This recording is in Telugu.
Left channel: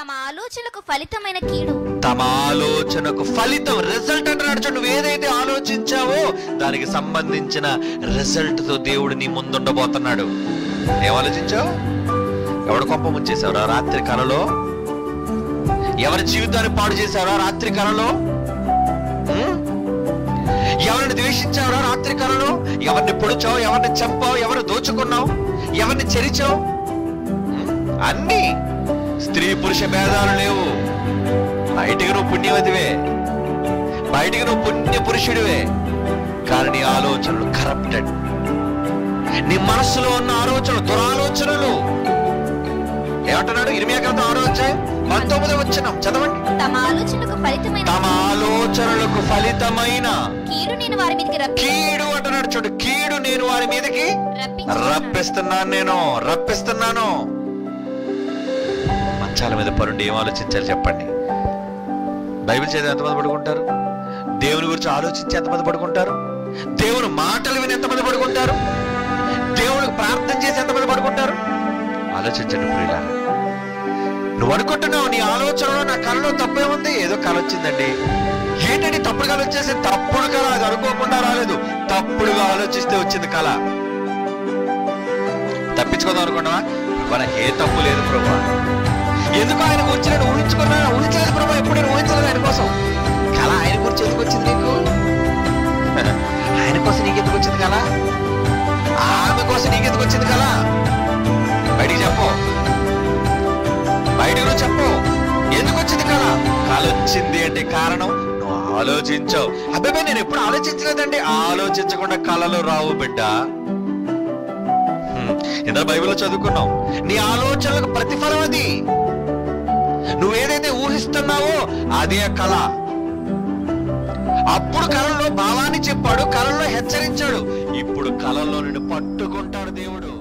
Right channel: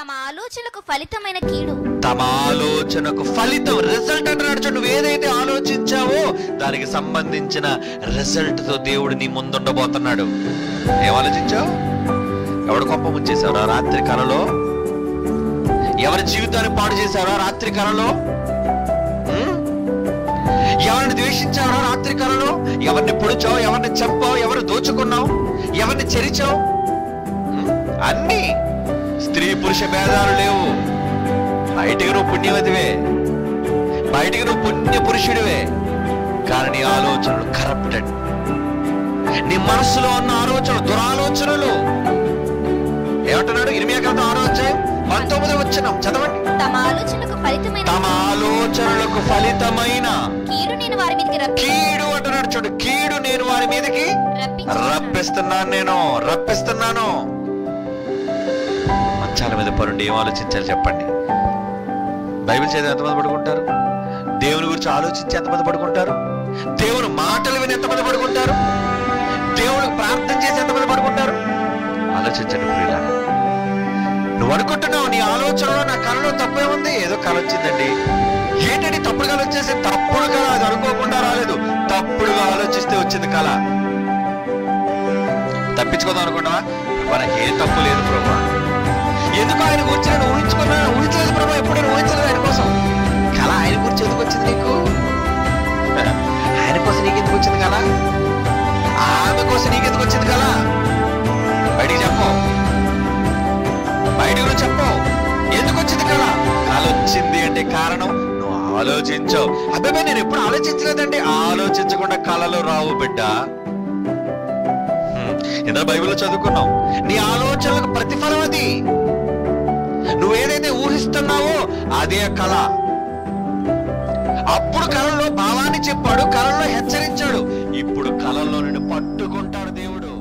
తమ ఆలోచనకు ఫలితమైన కీడు, తమ ఆలోచనకు ఫలితం, రిజల్ట్ అంటున్నాడు. చూడు, నువ్వు ఏదైతే ఆలోచించావో దానికి సంబంధించిన రిజల్ట్ తో దేవుడు నీ ముందుండబోతున్నాడు. ఏం ఆలోచించావు? ఎవడు కొంప ముంచేశావురా రాత్రి కలలో? ఎవరి జీవితాన్ని పాడు చేశావురా రాత్రి కలలో? ఎవరిని ద్వేషించావురా రాత్రి కలలో? ఎవరిని పొడిచావు? ఎవరిని చంపావు? ఎవరిని దోచుకున్నావు? ఎవరిని చెరిచావు? అన్ని స్త్రీ పురుష భేదాలు లేవు. బయటికి నువ్వు పుణ్యవతివే, బయటికి నువ్వు పుణ్య పురుషుడివే, కానీ నీ ఆలోచనలు కరప్టెడ్. నీ మనస్సులో ఉన్న ఆలోచనలు దురాలోచనలు. ఏమంటున్నాడు? ఇర్మియా గ్రంథం 6వ అధ్యాయం 19వ వచనం చదవండి. తమ ఆలోచనలకు ఫలితమైన, తమ ఆలోచనలకు ఫలితమైన కీడు నేను వారి మీదకి కీడు అంటున్నాడు. చూడు, కీడు నేను వారి మీదకి రప్పిస్తున్నాను. మంచాల మీద పరుండి ఏం ఆలోచించాలి చెప్పండి? బైబిల్ చదివి ఎంతమంది పడుకుంటారు? దేవుని గురించి ఆలోచించి ఎంతమంది పడుకుంటారు? దేవుని మాటలు విని ఎంతమంది పడుకుంటారు? దేవునికి ప్రార్థన చేసి ఎంతమంది పడుకుంటారు? ఆలోచించండి ప్రియులారా. నువ్వు అనుకుంటున్నావు నీ ఆలోచనలో నా కళలో తప్పే ఉంది. ఏదో కళ వచ్చిందండి. ఏంటండి తప్పుడు కళ వచ్చేసి? తప్పుడు కళ, అది అనుకోకుండా రాలేదు, తప్పుడుగా ఆలోచిస్తే వచ్చింది కళ. తప్పించుకోదాం అనుకున్నావా? నాకు ఏ తప్పు లేదు ప్రభా, ఎందుకు ఆయన గురించి నేను ఊహించలేదు ప్రభా, ఎప్పుడైనా ఊహించలేదు ఆయన కోసం. కళ ఆయన గురించి ఎందుకు వచ్చింది నీకు? ఆయన కోసం నీకెందుకు వచ్చింది కళ? ఆమె కోసం నీకెందుకు వచ్చింది కళ? బయటికి చెప్పు, బయటికి నువ్వు చెప్పు. ఎందుకు వచ్చింది కళ? కళ వచ్చింది అంటే కారణం నువ్వు ఆలోచించావు. అబ్బాయి నేను ఎప్పుడు ఆలోచించలేదండి. ఆలోచించకుండా కళలు రావు బిడ్డ. ఇంత బైబిల్లో చదువుకున్నాం. నీ ఆలోచనలకు ప్రతిఫలం అది. నువ్వేదైతే ఊహిస్తున్నావో అదే కళ. అప్పుడు కళలో భావాన్ని చెప్పాడు, కళల్లో హెచ్చరించాడు. ఇప్పుడు కళల్లో నిన్ను పట్టుకుంటాడు దేవుడు.